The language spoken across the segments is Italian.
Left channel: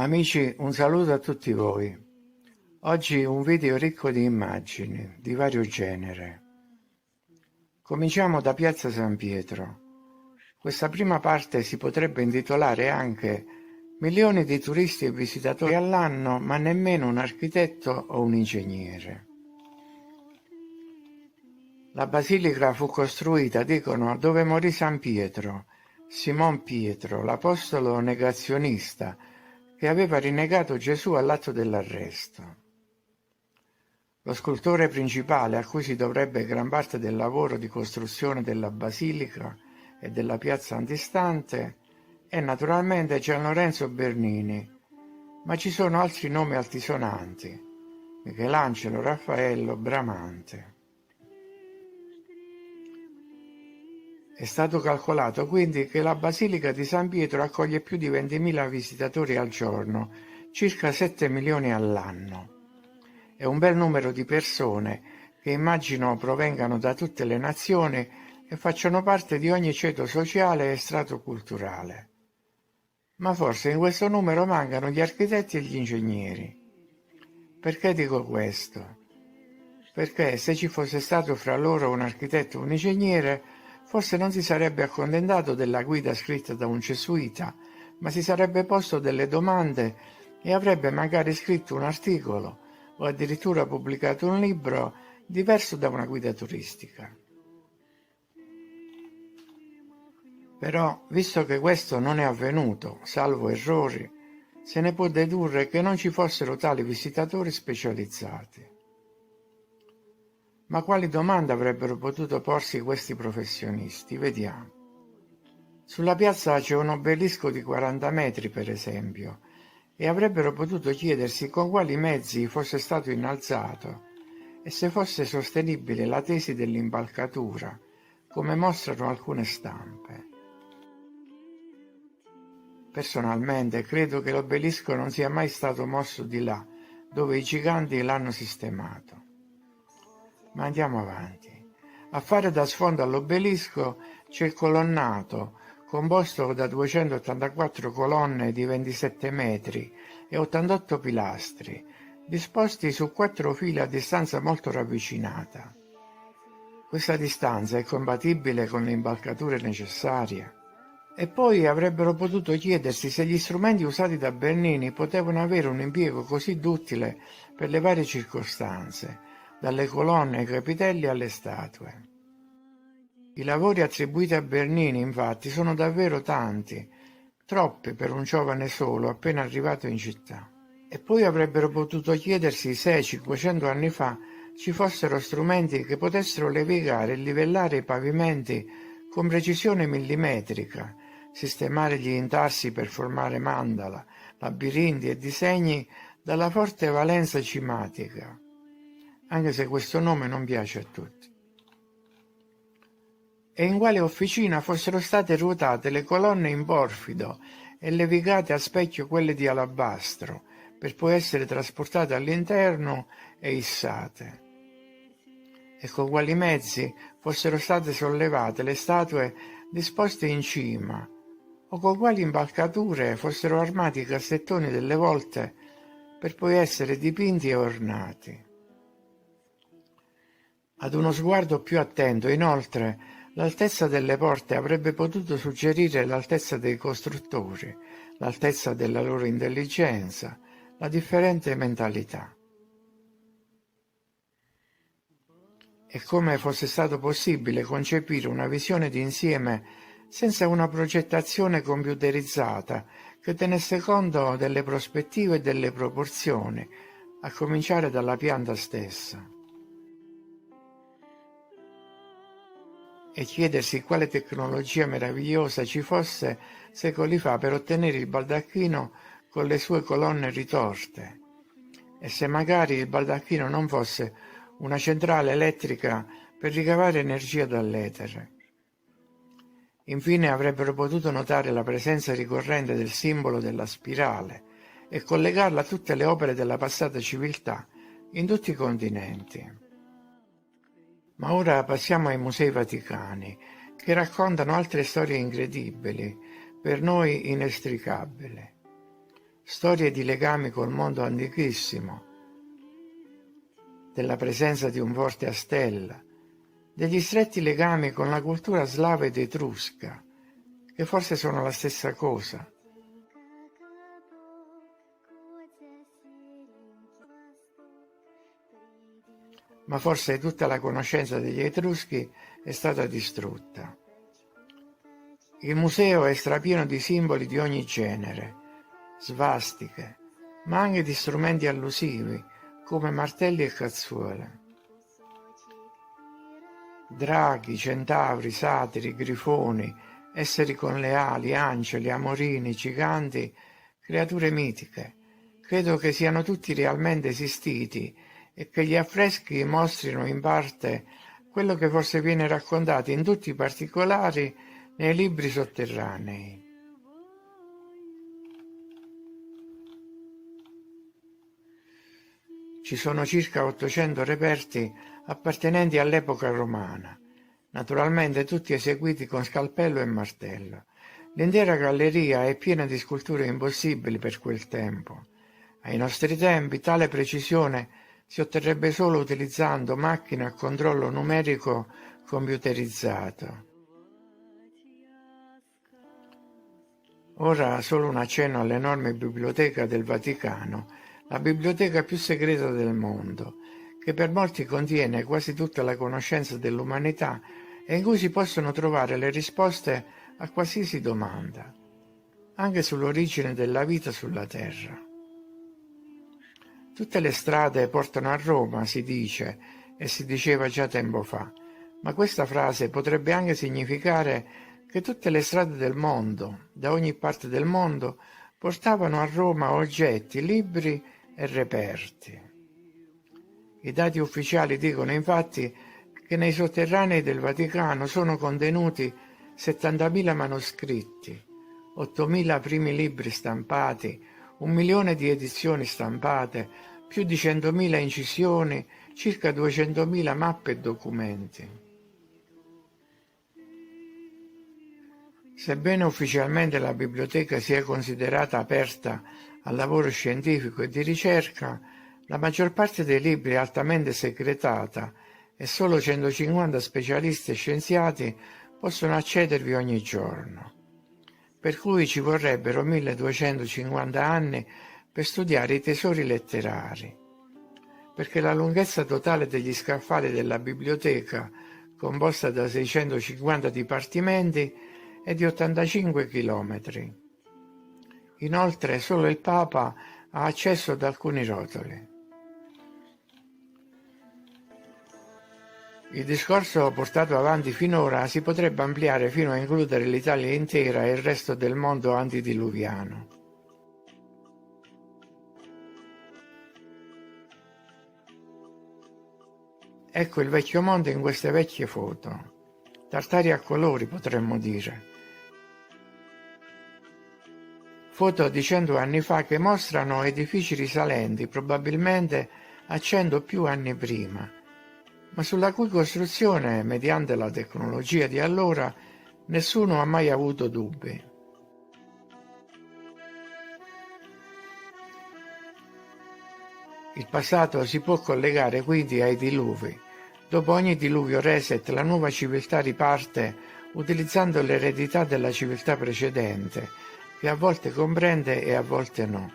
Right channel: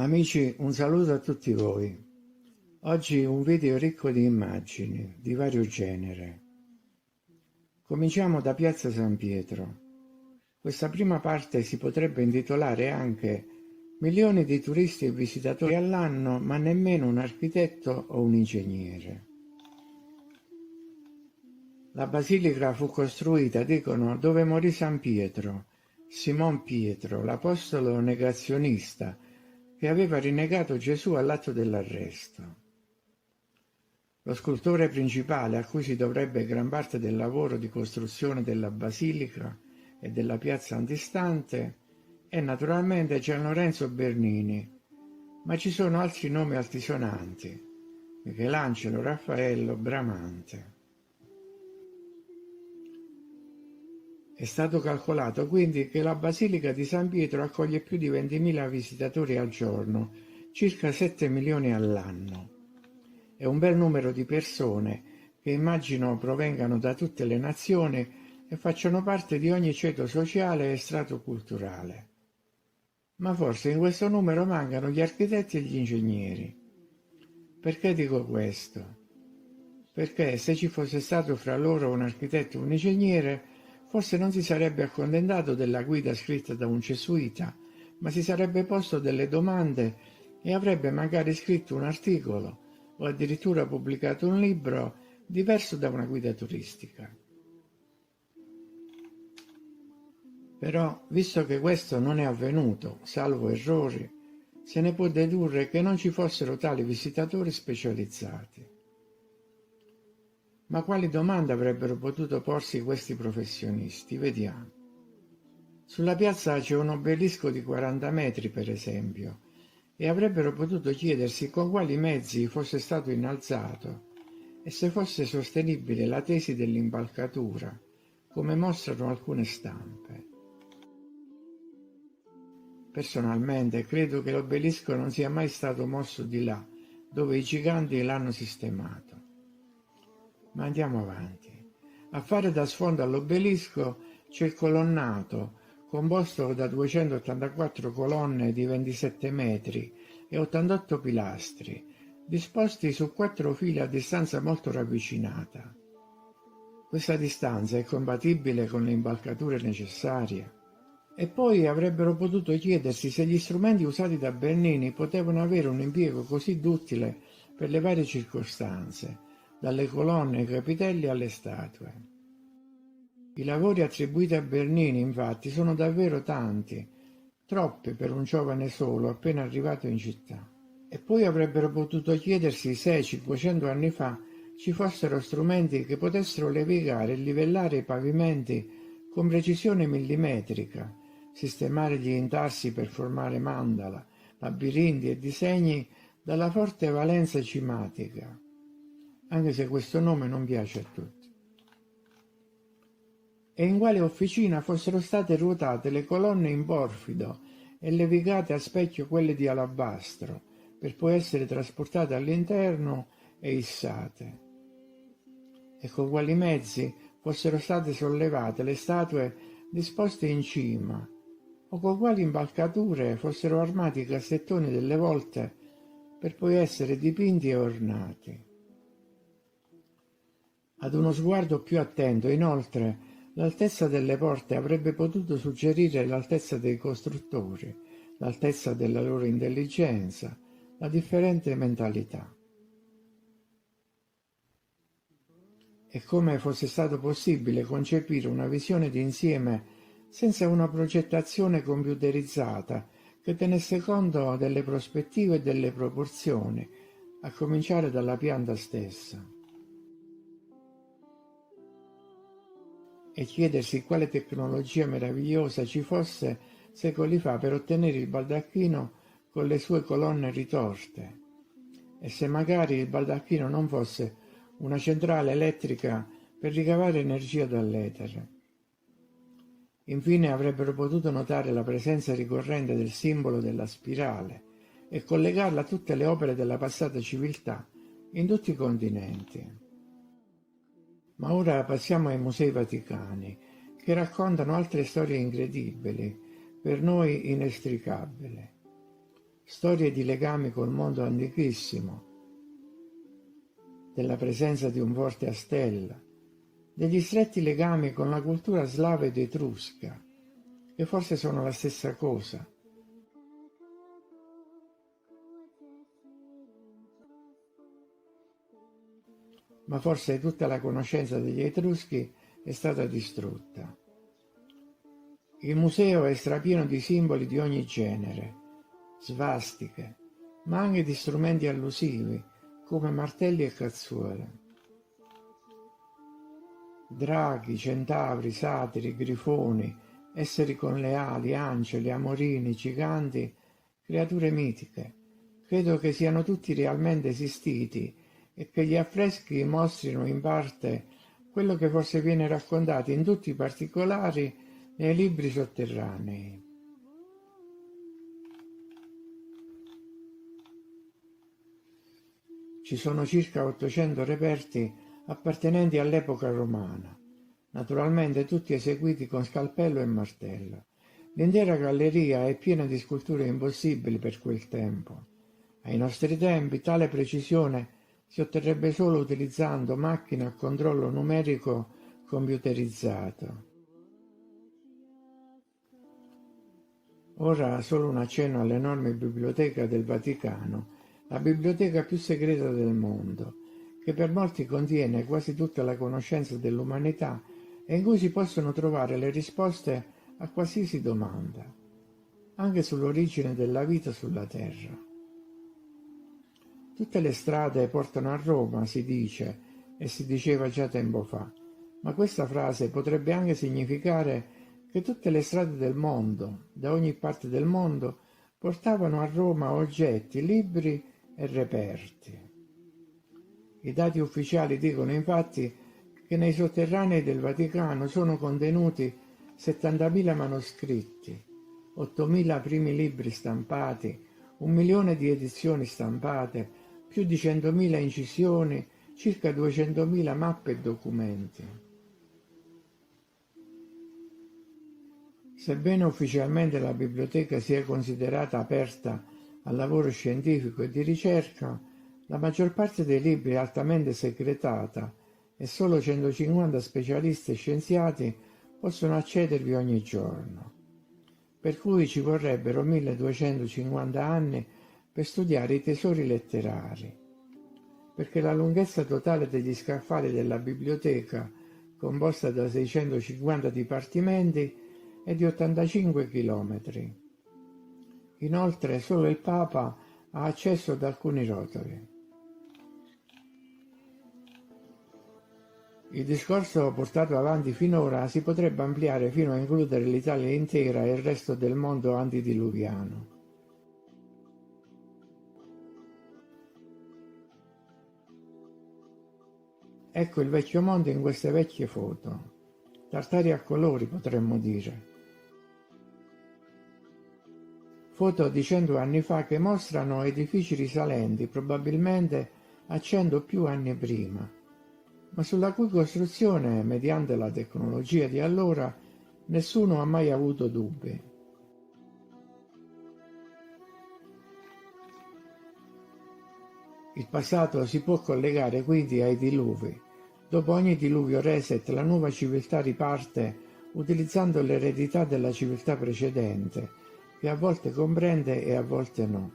Amici, un saluto a tutti voi. Oggi un video ricco di immagini, di vario genere. Cominciamo da Piazza San Pietro. Questa prima parte si potrebbe intitolare anche Milioni di turisti e visitatori all'anno, ma nemmeno un architetto o un ingegnere. La basilica fu costruita, dicono, dove morì San Pietro, Simon Pietro, l'apostolo negazionista, che aveva rinnegato Gesù all'atto dell'arresto. Lo scultore principale, a cui si dovrebbe gran parte del lavoro di costruzione della basilica e della piazza antistante, è naturalmente Gian Lorenzo Bernini, ma ci sono altri nomi altisonanti: Michelangelo, Raffaello, Bramante. È stato calcolato quindi che la Basilica di San Pietro accoglie più di 20.000 visitatori al giorno, circa 7 milioni all'anno. È un bel numero di persone che immagino provengano da tutte le nazioni e facciano parte di ogni ceto sociale e strato culturale. Ma forse in questo numero mancano gli architetti e gli ingegneri. Perché dico questo? Perché se ci fosse stato fra loro un architetto o un ingegnere, forse non si sarebbe accontentato della guida scritta da un gesuita, ma si sarebbe posto delle domande e avrebbe magari scritto un articolo o addirittura pubblicato un libro diverso da una guida turistica. Però, visto che questo non è avvenuto, salvo errori, se ne può dedurre che non ci fossero tali visitatori specializzati. Ma quali domande avrebbero potuto porsi questi professionisti? Vediamo. Sulla piazza c'è un obelisco di 40 metri, per esempio, e avrebbero potuto chiedersi con quali mezzi fosse stato innalzato e se fosse sostenibile la tesi dell'impalcatura, come mostrano alcune stampe. Personalmente credo che l'obelisco non sia mai stato mosso di là, dove i giganti l'hanno sistemato. Ma andiamo avanti. A fare da sfondo all'obelisco c'è il colonnato, composto da 284 colonne di 27 metri e 88 pilastri, disposti su 4 file a distanza molto ravvicinata. Questa distanza è compatibile con le impalcature necessarie. E poi avrebbero potuto chiedersi se gli strumenti usati da Bernini potevano avere un impiego così duttile per le varie circostanze, dalle colonne ai capitelli alle statue. I lavori attribuiti a Bernini, infatti, sono davvero tanti, troppi per un giovane solo appena arrivato in città. E poi avrebbero potuto chiedersi se 500 anni fa ci fossero strumenti che potessero levigare e livellare i pavimenti con precisione millimetrica, sistemare gli intarsi per formare mandala, labirinti e disegni dalla forte valenza cimatica, anche se questo nome non piace a tutti. E in quale officina fossero state ruotate le colonne in porfido e levigate a specchio quelle di alabastro, per poi essere trasportate all'interno e issate. E con quali mezzi fossero state sollevate le statue disposte in cima, o con quali impalcature fossero armati i cassettoni delle volte per poi essere dipinti e ornati. Ad uno sguardo più attento, inoltre, l'altezza delle porte avrebbe potuto suggerire l'altezza dei costruttori, l'altezza della loro intelligenza, la differente mentalità. E come fosse stato possibile concepire una visione d'insieme senza una progettazione computerizzata che tenesse conto delle prospettive e delle proporzioni, a cominciare dalla pianta stessa. E chiedersi quale tecnologia meravigliosa ci fosse secoli fa per ottenere il baldacchino con le sue colonne ritorte, e se magari il baldacchino non fosse una centrale elettrica per ricavare energia dall'etere. Infine avrebbero potuto notare la presenza ricorrente del simbolo della spirale e collegarla a tutte le opere della passata civiltà in tutti i continenti. Ma ora passiamo ai Musei Vaticani, che raccontano altre storie incredibili, per noi inestricabili. storie di legami col mondo antichissimo, della presenza di un forte a stella, degli stretti legami con la cultura slava ed etrusca, che forse sono la stessa cosa. Ma forse tutta la conoscenza degli Etruschi è stata distrutta. Il museo è strapieno di simboli di ogni genere, svastiche, ma anche di strumenti allusivi, come martelli e cazzuole. Draghi, centauri, satiri, grifoni, esseri con le ali, angeli, amorini, giganti, creature mitiche. Credo che siano tutti realmente esistiti e che gli affreschi mostrino in parte quello che forse viene raccontato in tutti i particolari nei libri sotterranei. Ci sono circa 800 reperti appartenenti all'epoca romana, naturalmente tutti eseguiti con scalpello e martello. L'intera galleria è piena di sculture impossibili per quel tempo. Ai nostri tempi tale precisione si otterrebbe solo utilizzando macchine a controllo numerico computerizzato. Ora solo un accenno all'enorme biblioteca del Vaticano, la biblioteca più segreta del mondo, che per molti contiene quasi tutta la conoscenza dell'umanità e in cui si possono trovare le risposte a qualsiasi domanda, anche sull'origine della vita sulla Terra. Tutte le strade portano a Roma, si dice, e si diceva già tempo fa, ma questa frase potrebbe anche significare che tutte le strade del mondo, da ogni parte del mondo, portavano a Roma oggetti, libri e reperti. I dati ufficiali dicono infatti che nei sotterranei del Vaticano sono contenuti 70.000 manoscritti, 8.000 primi libri stampati, 1 milione di edizioni stampate, più di 100.000 incisioni, circa 200.000 mappe e documenti. Sebbene ufficialmente la biblioteca sia considerata aperta al lavoro scientifico e di ricerca, la maggior parte dei libri è altamente segretata e solo 150 specialisti e scienziati possono accedervi ogni giorno, per cui ci vorrebbero 1250 anni per studiare i tesori letterari, perché la lunghezza totale degli scaffali della biblioteca, composta da 650 dipartimenti, è di 85 chilometri. Inoltre solo il Papa ha accesso ad alcuni rotoli. Il discorso portato avanti finora si potrebbe ampliare fino a includere l'Italia intera e il resto del mondo antediluviano. Ecco il vecchio mondo in queste vecchie foto. Tartari a colori, potremmo dire. Foto di 100 anni fa che mostrano edifici risalenti probabilmente a 100 o più anni prima, ma sulla cui costruzione, mediante la tecnologia di allora, nessuno ha mai avuto dubbi. Il passato si può collegare quindi ai diluvi. Dopo ogni diluvio reset, la nuova civiltà riparte utilizzando l'eredità della civiltà precedente, che a volte comprende e a volte no.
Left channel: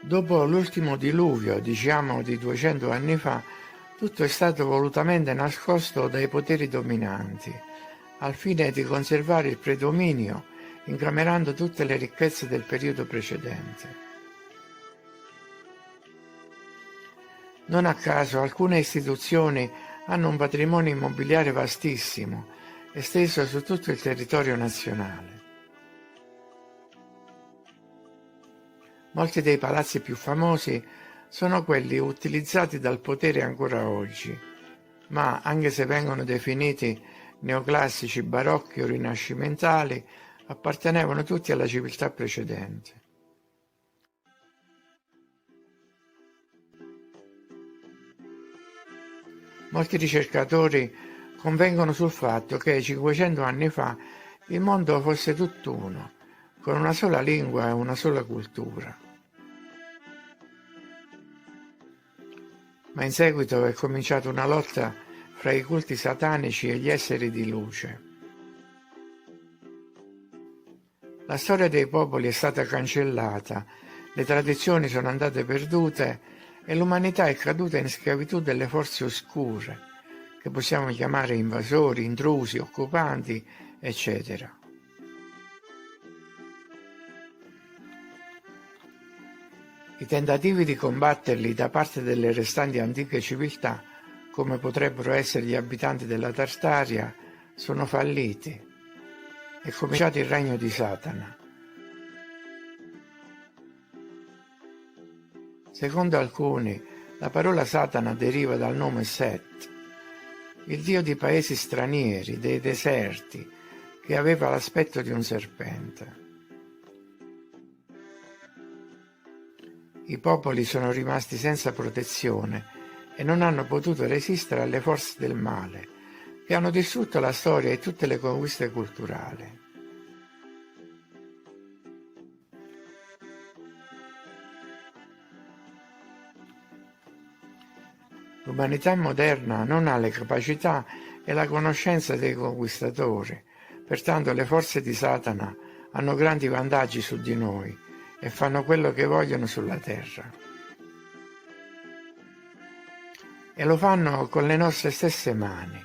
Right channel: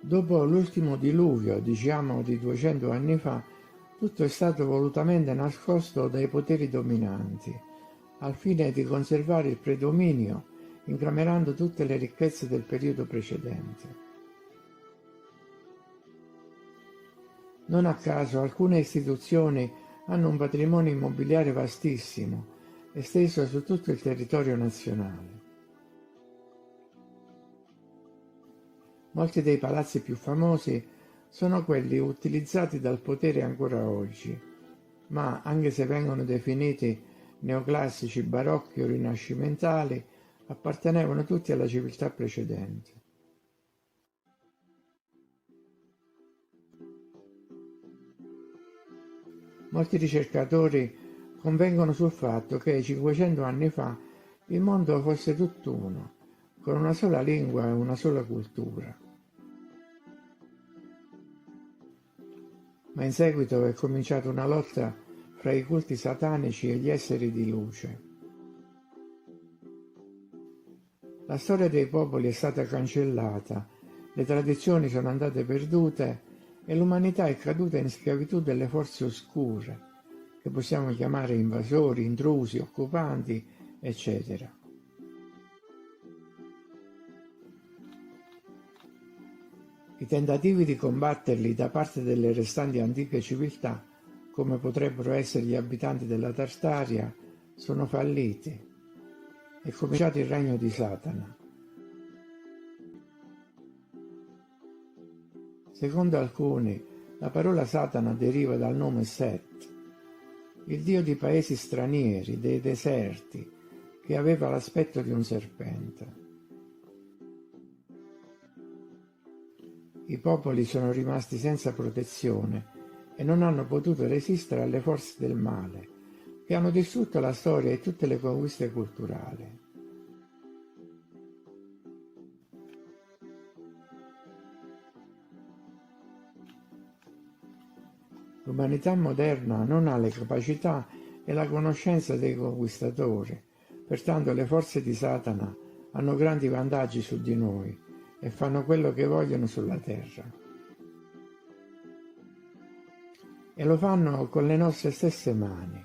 Dopo l'ultimo diluvio, diciamo di 200 anni fa, tutto è stato volutamente nascosto dai poteri dominanti, al fine di conservare il predominio, incamerando tutte le ricchezze del periodo precedente. Non a caso alcune istituzioni hanno un patrimonio immobiliare vastissimo, esteso su tutto il territorio nazionale. Molti dei palazzi più famosi sono quelli utilizzati dal potere ancora oggi, ma anche se vengono definiti neoclassici, barocchi o rinascimentali, appartenevano tutti alla civiltà precedente. Molti ricercatori convengono sul fatto che 500 anni fa il mondo fosse tutt'uno, con una sola lingua e una sola cultura. Ma in seguito è cominciata una lotta fra i culti satanici e gli esseri di luce. La storia dei popoli è stata cancellata, le tradizioni sono andate perdute e l'umanità è caduta in schiavitù delle forze oscure, che possiamo chiamare invasori, intrusi, occupanti, eccetera. I tentativi di combatterli da parte delle restanti antiche civiltà, come potrebbero essere gli abitanti della Tartaria, sono falliti. È cominciato il regno di Satana. Secondo alcuni, la parola Satana deriva dal nome Set, il dio di paesi stranieri, dei deserti, che aveva l'aspetto di un serpente. I popoli sono rimasti senza protezione e non hanno potuto resistere alle forze del male, che hanno distrutto la storia e tutte le conquiste culturali. L'umanità moderna non ha le capacità e la conoscenza dei conquistatori, pertanto le forze di Satana hanno grandi vantaggi su di noi e fanno quello che vogliono sulla terra. E lo fanno con le nostre stesse mani.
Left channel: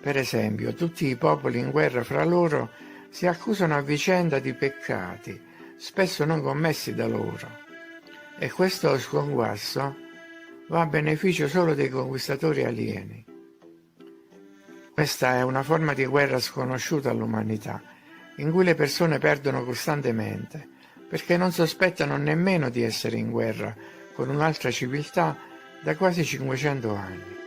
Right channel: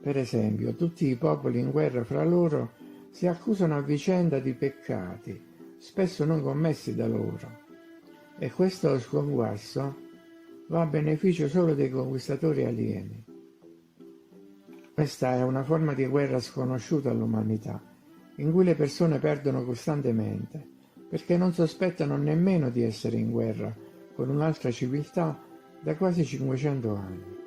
Per esempio, tutti i popoli in guerra fra loro si accusano a vicenda di peccati, spesso non commessi da loro. E questo sconquasso va a beneficio solo dei conquistatori alieni. Questa è una forma di guerra sconosciuta all'umanità, in cui le persone perdono costantemente, perché non sospettano nemmeno di essere in guerra con un'altra civiltà da quasi 500 anni.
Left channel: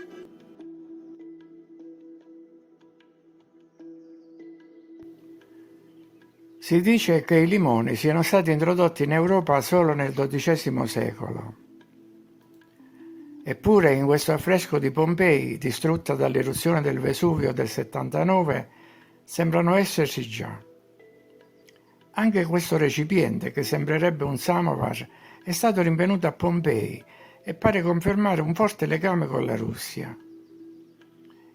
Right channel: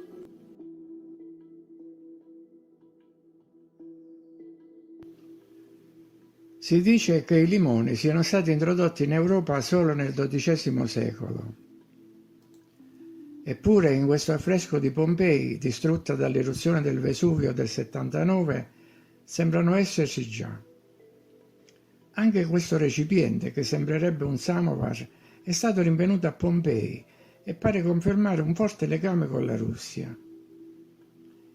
Si dice che i limoni siano stati introdotti in Europa solo nel XII secolo. Eppure in questo affresco di Pompei, distrutta dall'eruzione del Vesuvio del 79, sembrano esserci già. Anche questo recipiente, che sembrerebbe un samovar, è stato rinvenuto a Pompei e pare confermare un forte legame con la Russia.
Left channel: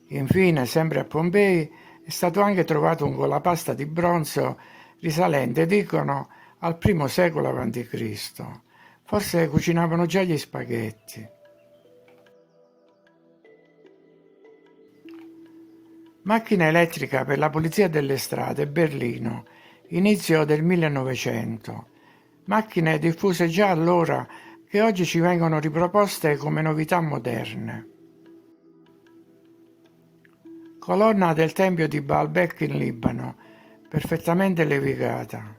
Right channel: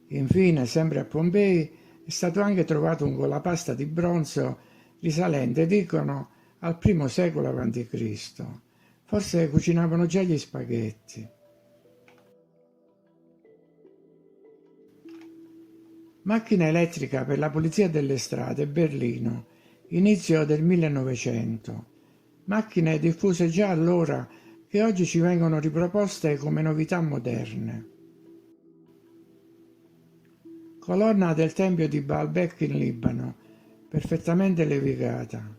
Infine, sempre a Pompei, è stato anche trovato un colapasta di bronzo risalente, dicono, al I secolo a.C. Forse cucinavano già gli spaghetti. Macchina elettrica per la pulizia delle strade, Berlino, inizio del 1900. Macchine diffuse già allora che oggi ci vengono riproposte come novità moderne. Colonna del tempio di Baalbek in Libano, perfettamente levigata.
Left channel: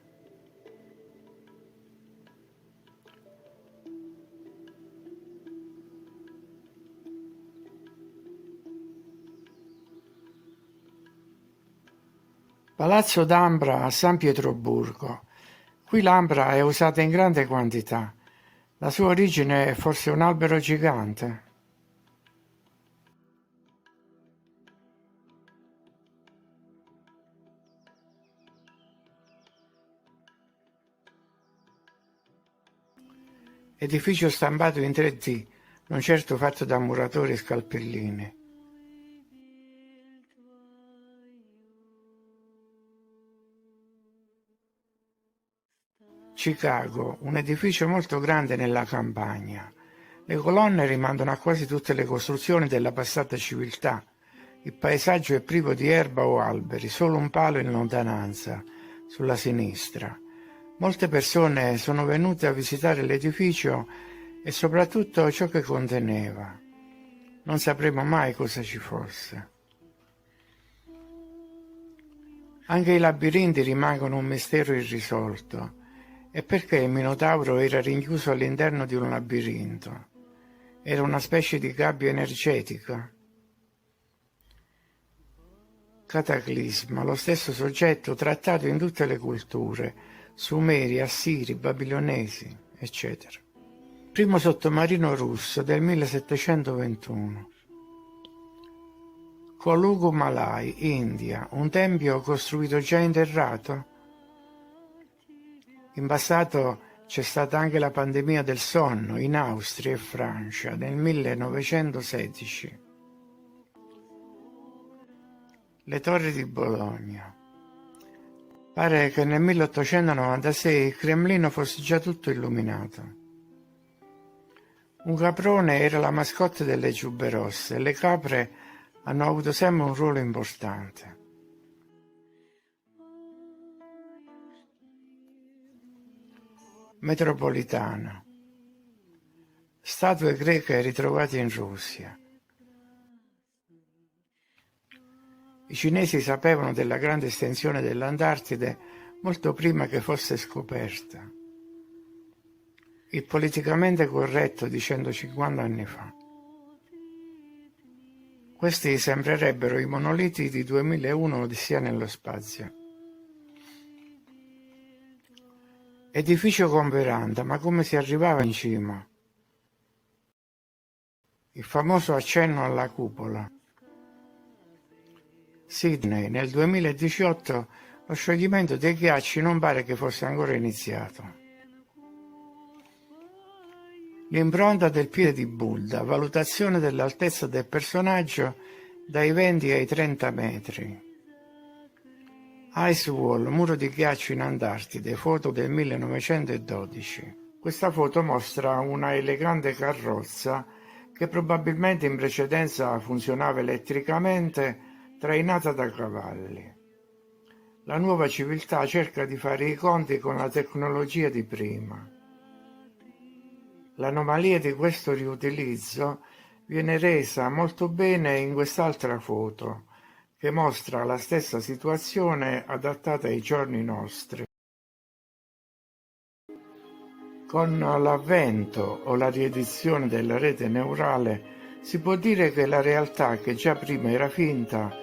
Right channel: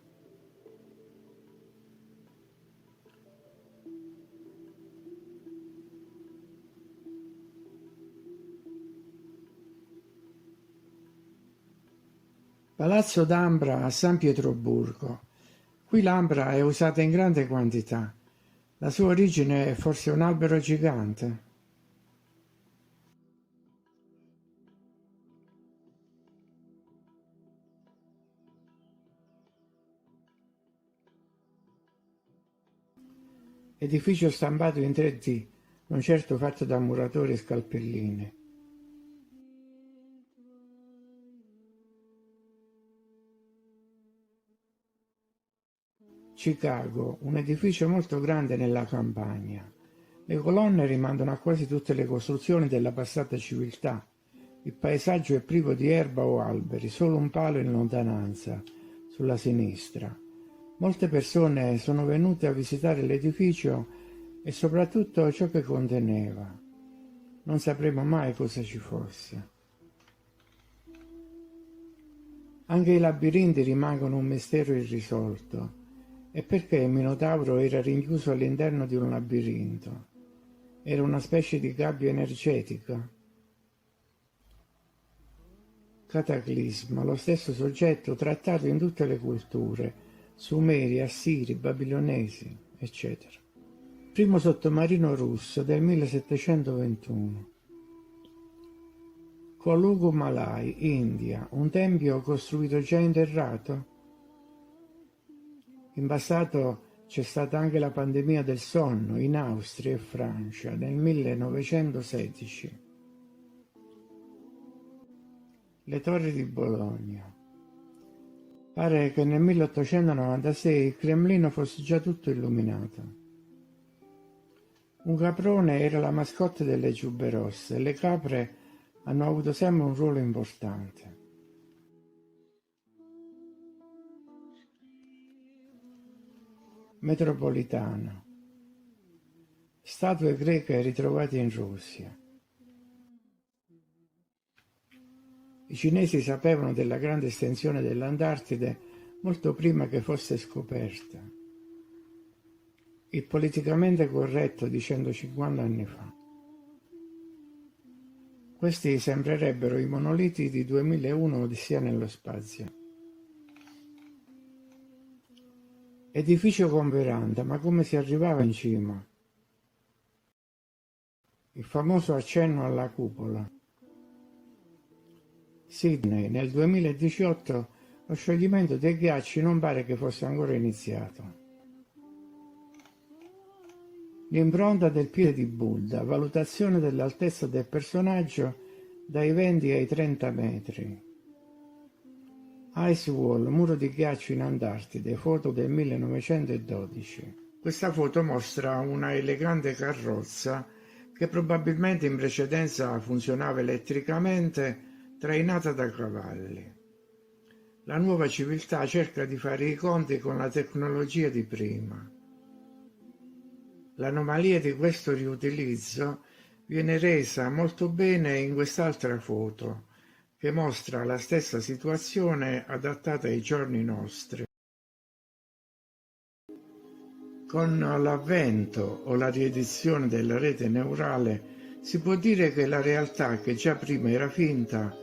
Palazzo d'Ambra a San Pietroburgo. Qui l'ambra è usata in grande quantità. La sua origine è forse un albero gigante. Edificio stampato in 3D, non certo fatto da muratori e scalpellini. Chicago, un edificio molto grande nella campagna. Le colonne rimandano a quasi tutte le costruzioni della passata civiltà. Il paesaggio è privo di erba o alberi, solo un palo in lontananza, sulla sinistra. Molte persone sono venute a visitare l'edificio e soprattutto ciò che conteneva. Non sapremo mai cosa ci fosse. Anche i labirinti rimangono un mistero irrisolto. E perché il Minotauro era rinchiuso all'interno di un labirinto? Era una specie di gabbia energetica? Cataclisma, lo stesso soggetto trattato in tutte le culture, Sumeri, Assiri, Babilonesi, eccetera. Primo sottomarino russo del 1721. Kolugumalai, India, un tempio costruito già interrato? In passato c'è stata anche la pandemia del sonno in Austria e Francia nel 1916. Le torri di Bologna. Pare che nel 1896 il Cremlino fosse già tutto illuminato. Un caprone era la mascotte delle giubbe rosse e le capre hanno avuto sempre un ruolo importante. Metropolitana. Statue greche ritrovate in Russia. I cinesi sapevano della grande estensione dell'Antartide molto prima che fosse scoperta. Il politicamente corretto di 150 anni fa. Questi sembrerebbero i monoliti di 2001 Odissea nello spazio. Edificio con veranda, ma come si arrivava in cima? Il famoso accenno alla cupola. Sydney, nel 2018 lo scioglimento dei ghiacci non pare che fosse ancora iniziato. L'impronta del piede di Buddha, valutazione dell'altezza del personaggio dai 20 ai 30 metri. Ice Wall, muro di ghiaccio in Antartide, foto del 1912. Questa foto mostra una elegante carrozza che probabilmente in precedenza funzionava elettricamente, trainata da cavalli. La nuova civiltà cerca di fare i conti con la tecnologia di prima. L'anomalia di questo riutilizzo viene resa molto bene in quest'altra foto, che mostra la stessa situazione adattata ai giorni nostri. Con l'avvento o la riedizione della rete neurale si può dire che la realtà che già prima era finta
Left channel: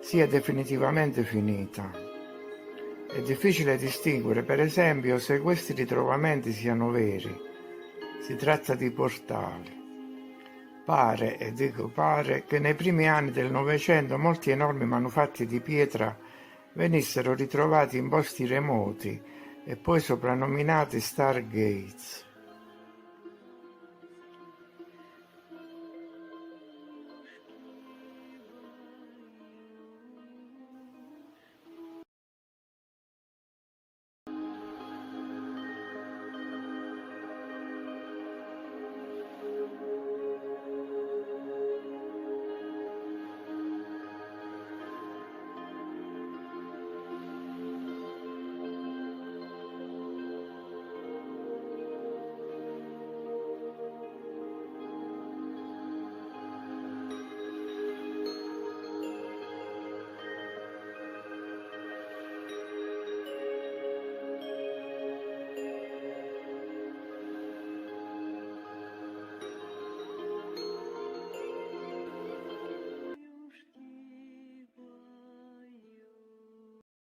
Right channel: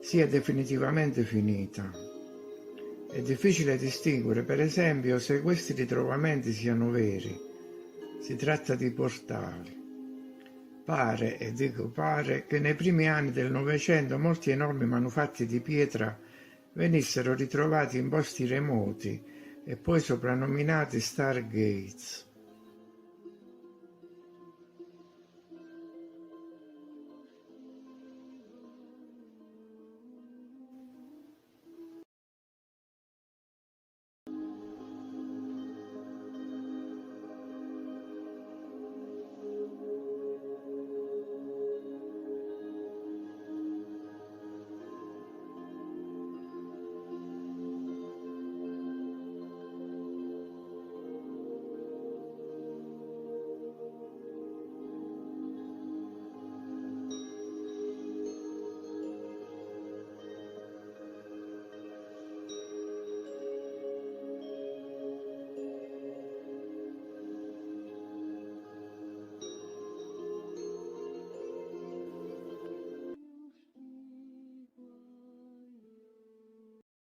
sia definitivamente finita. È difficile distinguere, per esempio, se questi ritrovamenti siano veri. Si tratta di portali. Pare, e dico pare, che nei primi anni del Novecento molti enormi manufatti di pietra venissero ritrovati in posti remoti e poi soprannominati Stargates.